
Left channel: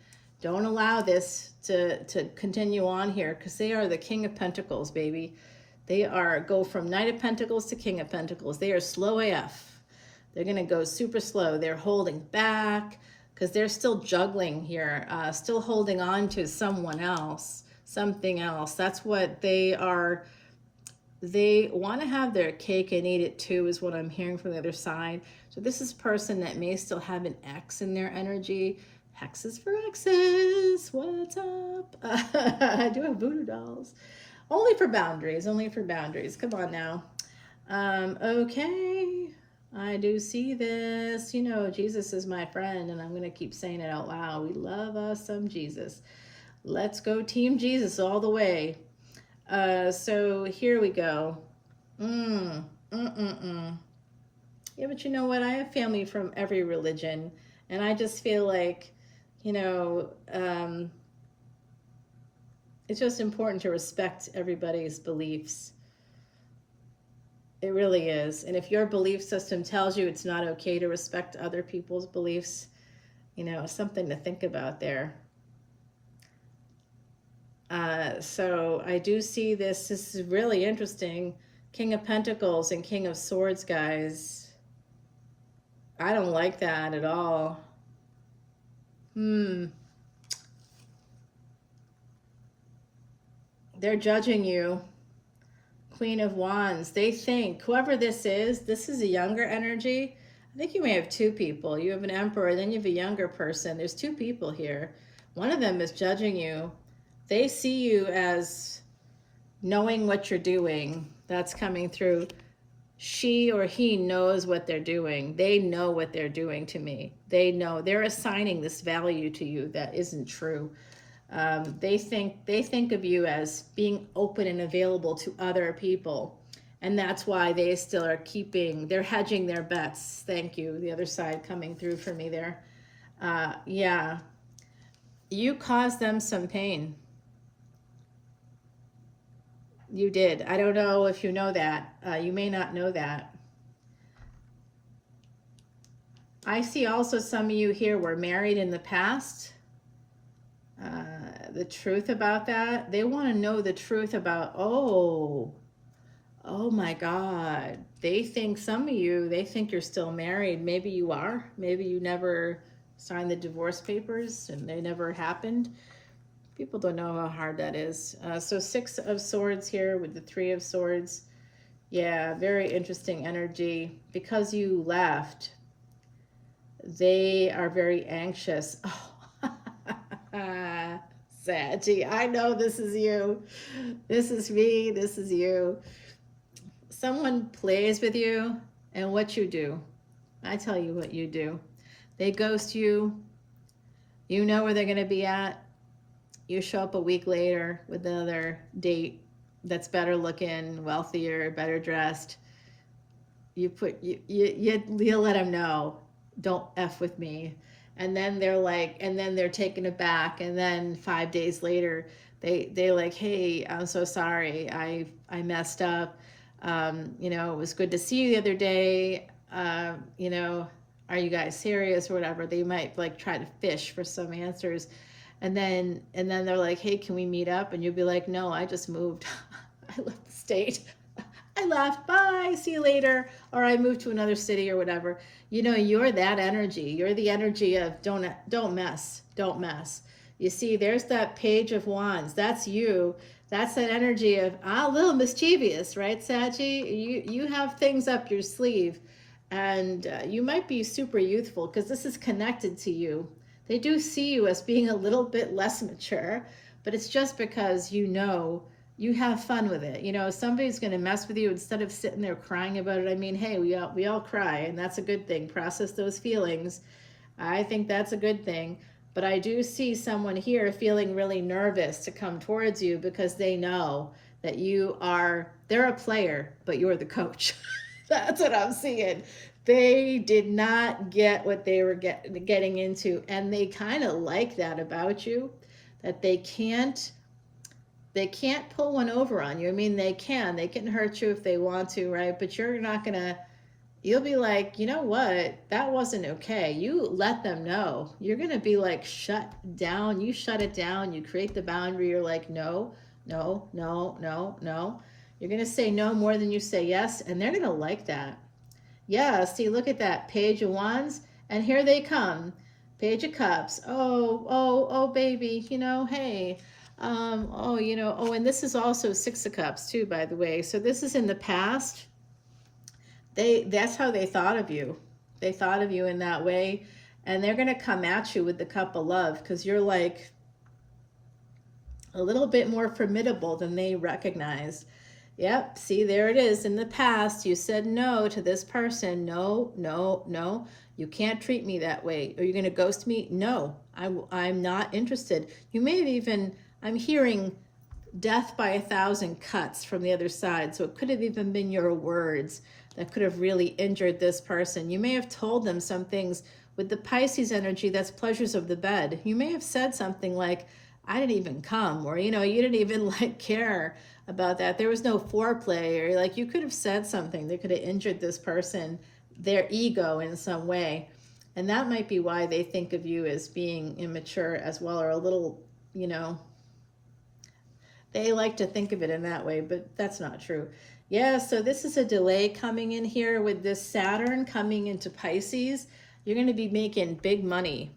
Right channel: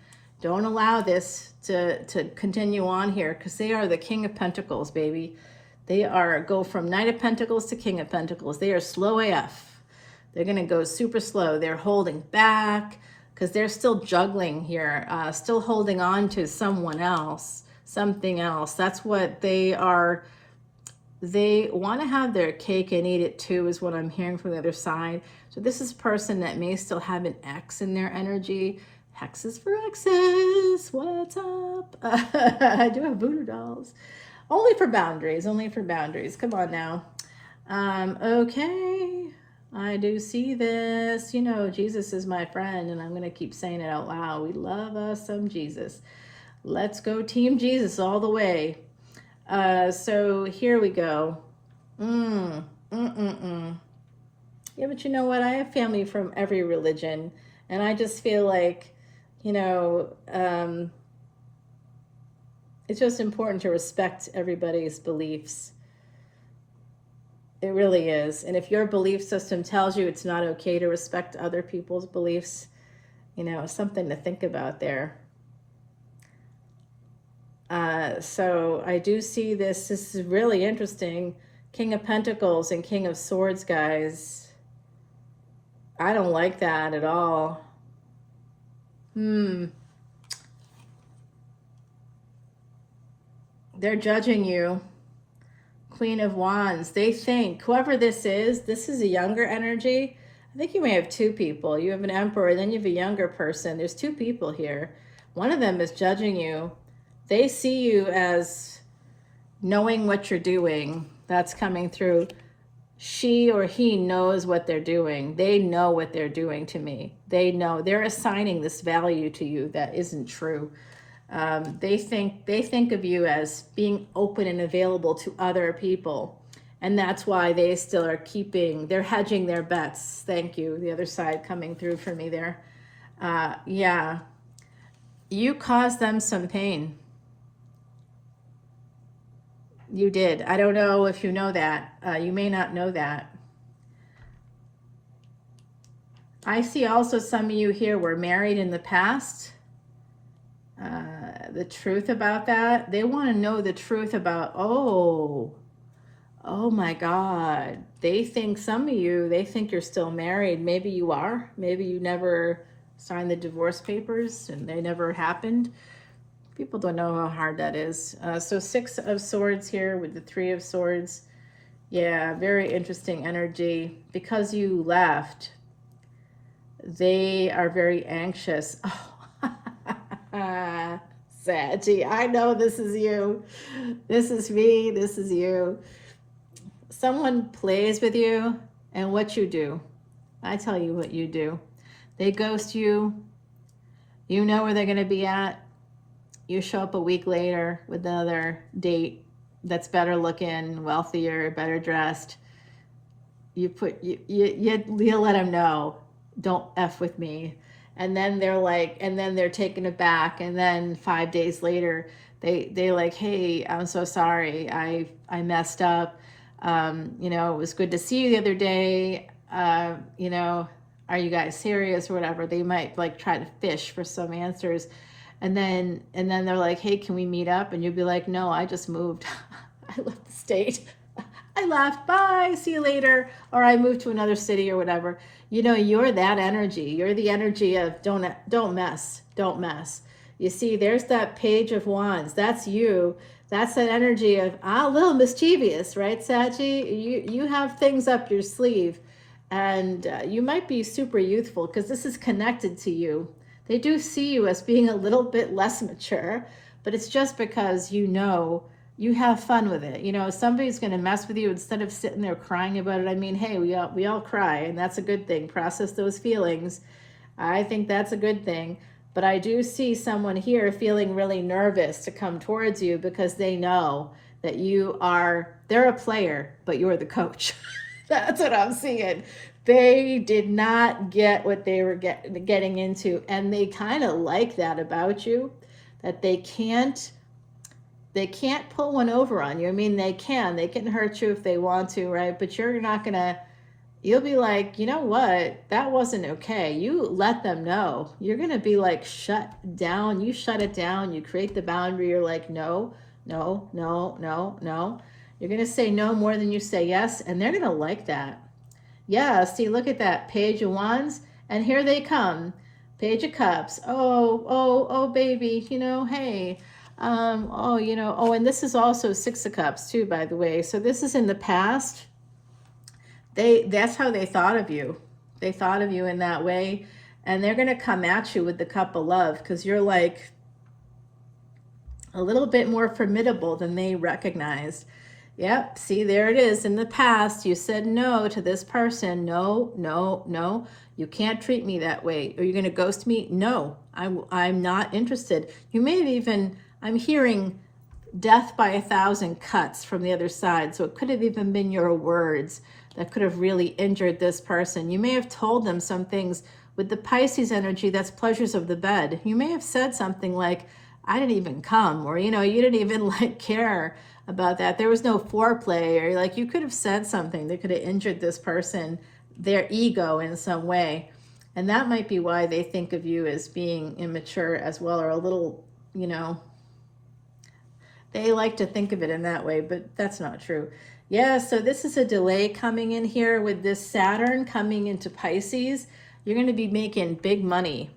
Don't allow this to continue on here, because they are the King of Pentacles, baby. They go from Knight of Pentacles to King of Pentacles. They are slow AF. They're going to go super slow. They're holding back because they're still juggling here, still holding on to someone else, something else. That's what they are. They want to have their cake and eat it too, is what I'm hearing from the other side. So this is a person that may still have an X in their energy. Hexes for X's. What's up? I do have voodoo dolls. Only for boundaries. Only for boundaries. Come on now. Okay. I do see this. You know, Jesus is my friend, and I'm going to keep saying it out loud. We love us some Jesus. Let's go Team Jesus all the way. So here we go. Yeah, but you know what? I have family from every religion, and I just feel like, you know, it's just important to respect everybody's beliefs. It really is. And if your belief system tells you it's not okay to respect other people's beliefs, You know, something to think about there. So I do see this. This is really interesting. King of Pentacles and King of Swords, guys. I don't like that at all. They're judging you. Queen of Wands. They think, whoever this is a younger energy. I think you may have two people. You have an Emperor, and then you have a younger person. There's two people here. One of them is judging you. They see you as knowing what you're doing. That's coming through. She or he knows what they're doing. They know what they're doing to me. They know. They're assigning this value to you that isn't true. They think of you as being open and available to other people. And that's why they still are they're hedging their bets. Thank you. The other side coming through for me there. Yeah. You caused them some pain. You did. I don't know if you know that. You may not know that. I see also some of you here were married in the past. The truth about that. They want to know the truth about, oh my God. They think they think you're still married. Maybe you are. Maybe you never signed the divorce papers and they never happened. People don't know how hard that is. So 6 of Swords here with the 3 of Swords. Yeah, very interesting energy. Because you left, they are very anxious. Oh, Saggie, I know this is you. This is me. This is you. Someone plays with you, and what you do. I tell you what you do. They ghost you. You know where they're going to be at. You show up a week later with another date that's better looking, wealthier, better dressed. You let them know, don't F with me. And then they're taken aback. And then 5 days later, they like, hey, I'm so sorry. I messed up. You know, it was good to see you the other day. You know, are you guys serious or whatever? They might like try to fish for some answers. And then they're like, hey, can we meet up? And you'll be like, no, I just moved. I left the state. I left. Bye. See you later. Or I moved to another city or whatever. You know, you're that energy. You're the energy of don't mess. Don't mess. You see, there's that Page of Wands. That's you. That's that energy of a little mischievous, right, Saggie? You have things up your sleeve, and you might be super youthful because this is connected to you. They do see you as being a little bit less mature, but it's just because you know you have fun with it. You know, if somebody's going to mess with you, instead of sitting there crying about it, I mean, hey, we all cry, and that's a good thing. Process those feelings. I think that's a good thing. But I do see someone here feeling really nervous to come towards you because they know that they're a player, but you're the coach. That's what I'm seeing. They did not get what they were getting into, and they kind of like that about you, that they can't pull one over on you. I mean, they can hurt you if they want to, right? But you'll be like, you know what? That wasn't okay. You let them know. You're going to be like shut down. You shut it down. You create the boundary. You're like, no, no, no, no, no. You're going to say no more than you say yes, and they're going to like that. Yeah, see, look at that. Page of Wands, and here they come. Page of Cups. Oh, baby, you know, hey. And this is also 6 of Cups too, by the way. So this is in the past. That's how they thought of you. They thought of you in that way, and they're going to come at you with the Cup of Love because you're like a little bit more formidable than they recognized. Yep, see, there it is. In the past, you said no to this person. No, no, no. You can't treat me that way. Are you going to ghost me? No, I'm not interested. You may have even, I'm hearing death by 1,000 cuts from the other side. So it could have even been your words that could have really injured this person. You may have told them some things with the Pisces energy, that's pleasures of the bed. You may have said something like, I didn't even come, or, you know, you didn't even like care about that. There was no foreplay, or like you could have said something that could have injured this person, their ego in some way. And that might be why they think of you as being immature as well, or a little, you know, they like to think of it in that way, but that's not true. Yeah, so this is a delay coming in here with this Saturn coming into Pisces. You're going to be making big money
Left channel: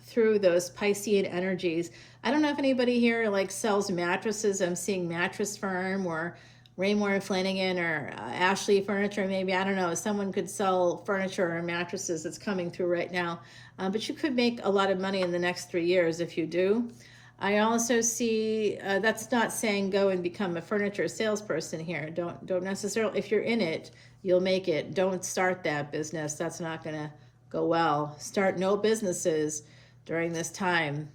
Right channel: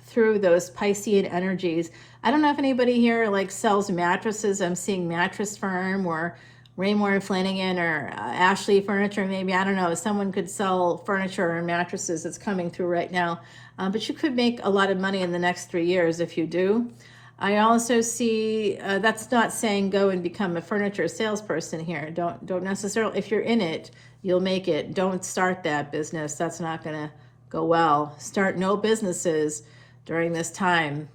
through those Piscean energies. I don't know if anybody here like sells mattresses. I'm seeing Mattress Firm or Raymore Flanagan or Ashley Furniture, maybe. I don't know. Someone could sell furniture or mattresses. It's coming through right now. But you could make a lot of money in the next 3 years if you do. I also see, that's not saying go and become a furniture salesperson here. Don't necessarily, if you're in it, you'll make it. Don't start that business. That's not going to go well. Start no businesses during this time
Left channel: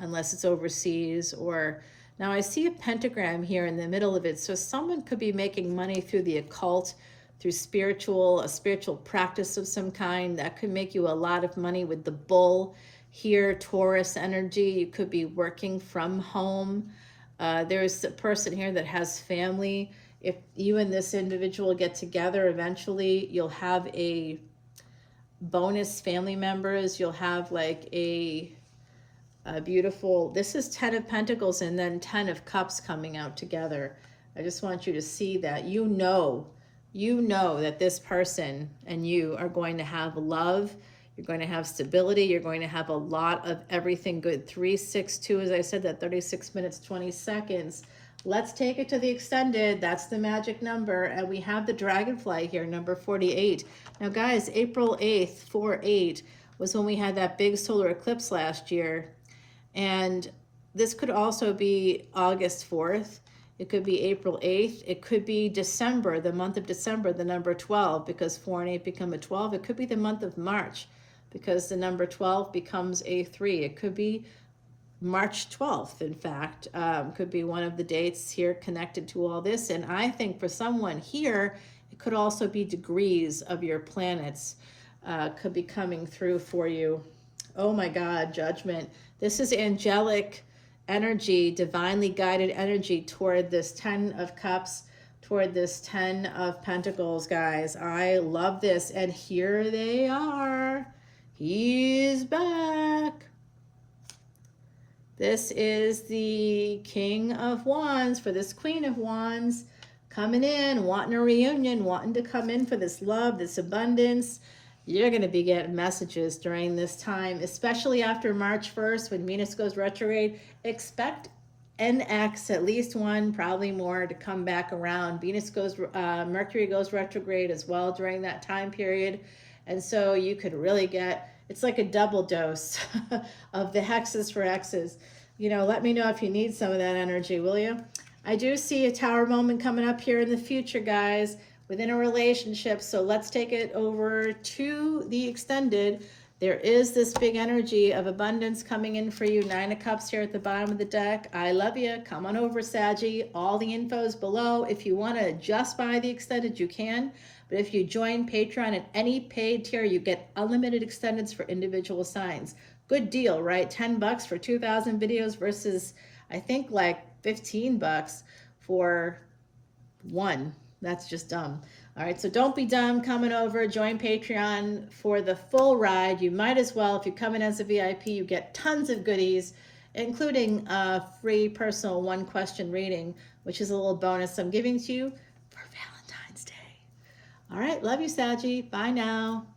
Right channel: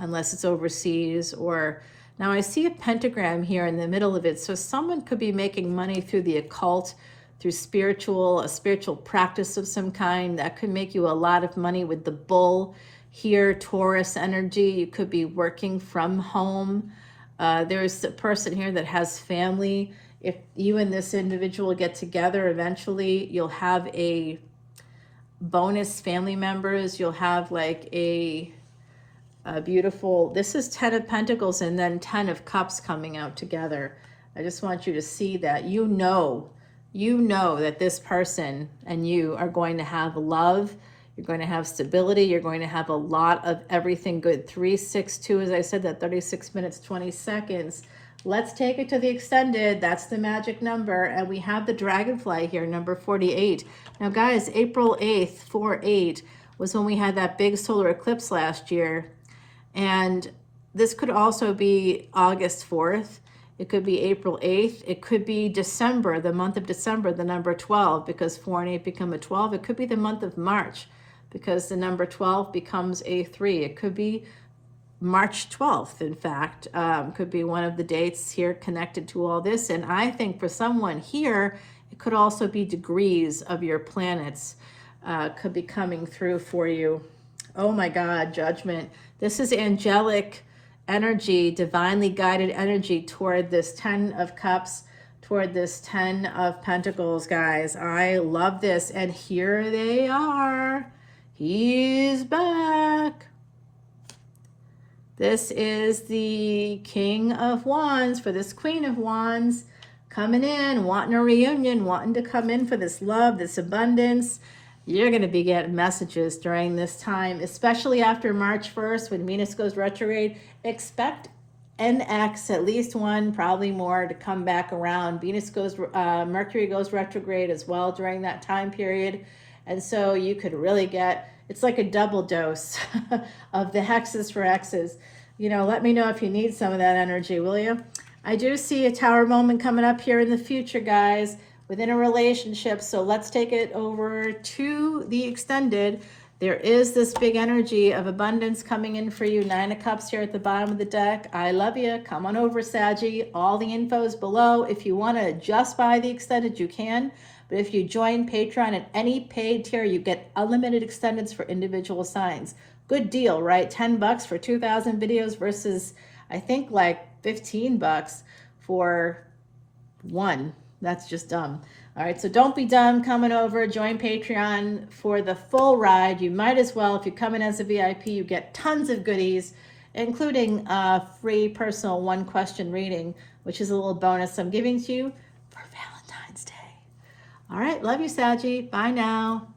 unless it's overseas. Or now I see a pentagram here in the middle of it. So someone could be making money through the occult, through a spiritual practice of some kind that could make you a lot of money with the bull. Here, Taurus energy, you could be working from home. There's a person here that has family. If you and this individual get together, eventually you'll have a bonus family members. You'll have like a beautiful, this is 10 of Pentacles and then 10 of Cups coming out together. I just want you to see that. You know that this person and you are going to have love. You're going to have stability. You're going to have a lot of everything good. 362, as I said, that 36 minutes, 20 seconds. Let's take it to the extended. That's the magic number. And we have the dragonfly here, number 48. Now, guys, April 8th, 4/8, was when we had that big solar eclipse last year. And this could also be August 4th. It could be April 8th. It could be December, the month of December, the number 12, because 4 and 8 become a 12. It could be the month of March, because the number 12 becomes a 3. It could be March 12th, in fact. Could be one of the dates here connected to all this. And I think for someone here, it could also be degrees of your planets could be coming through for you. Oh my God, judgment. This is angelic energy, divinely guided energy toward this 10 of Cups, toward this 10 of Pentacles, guys. I love this. And here they are. He's back. This is the King of Wands for this Queen of Wands coming in, wanting a reunion, wanting to come in for this love, this abundance. You're going to be getting messages during this time, especially after March 1st when Venus goes retrograde. Expect NX, at least one, probably more, to come back around. Mercury goes retrograde as well during that time period. And so you could really get, it's like a double dose of the hexes for X's. You know, let me know if you need some of that energy, will you? I do see a tower moment coming up here in the future, guys, within a relationship. So let's take it over to the extended. There is this big energy of abundance coming in for you. 9 of Cups here at the bottom of the deck. I love you. Come on over, Saggie. All the info is below. If you want to just buy the extended, you can. But if you join Patreon at any paid tier, you get unlimited extendeds for individual signs. Good deal, right? $10 for 2,000 videos versus, I think, like $15 for one. That's just dumb. All right, so don't be dumb coming over. Join Patreon for the full ride. You might as well. If you come in as a VIP, you get tons of goodies, including a free personal one-question reading, which is a little bonus I'm giving to you for Valentine's Day. All right, love you, Saggie. Bye now.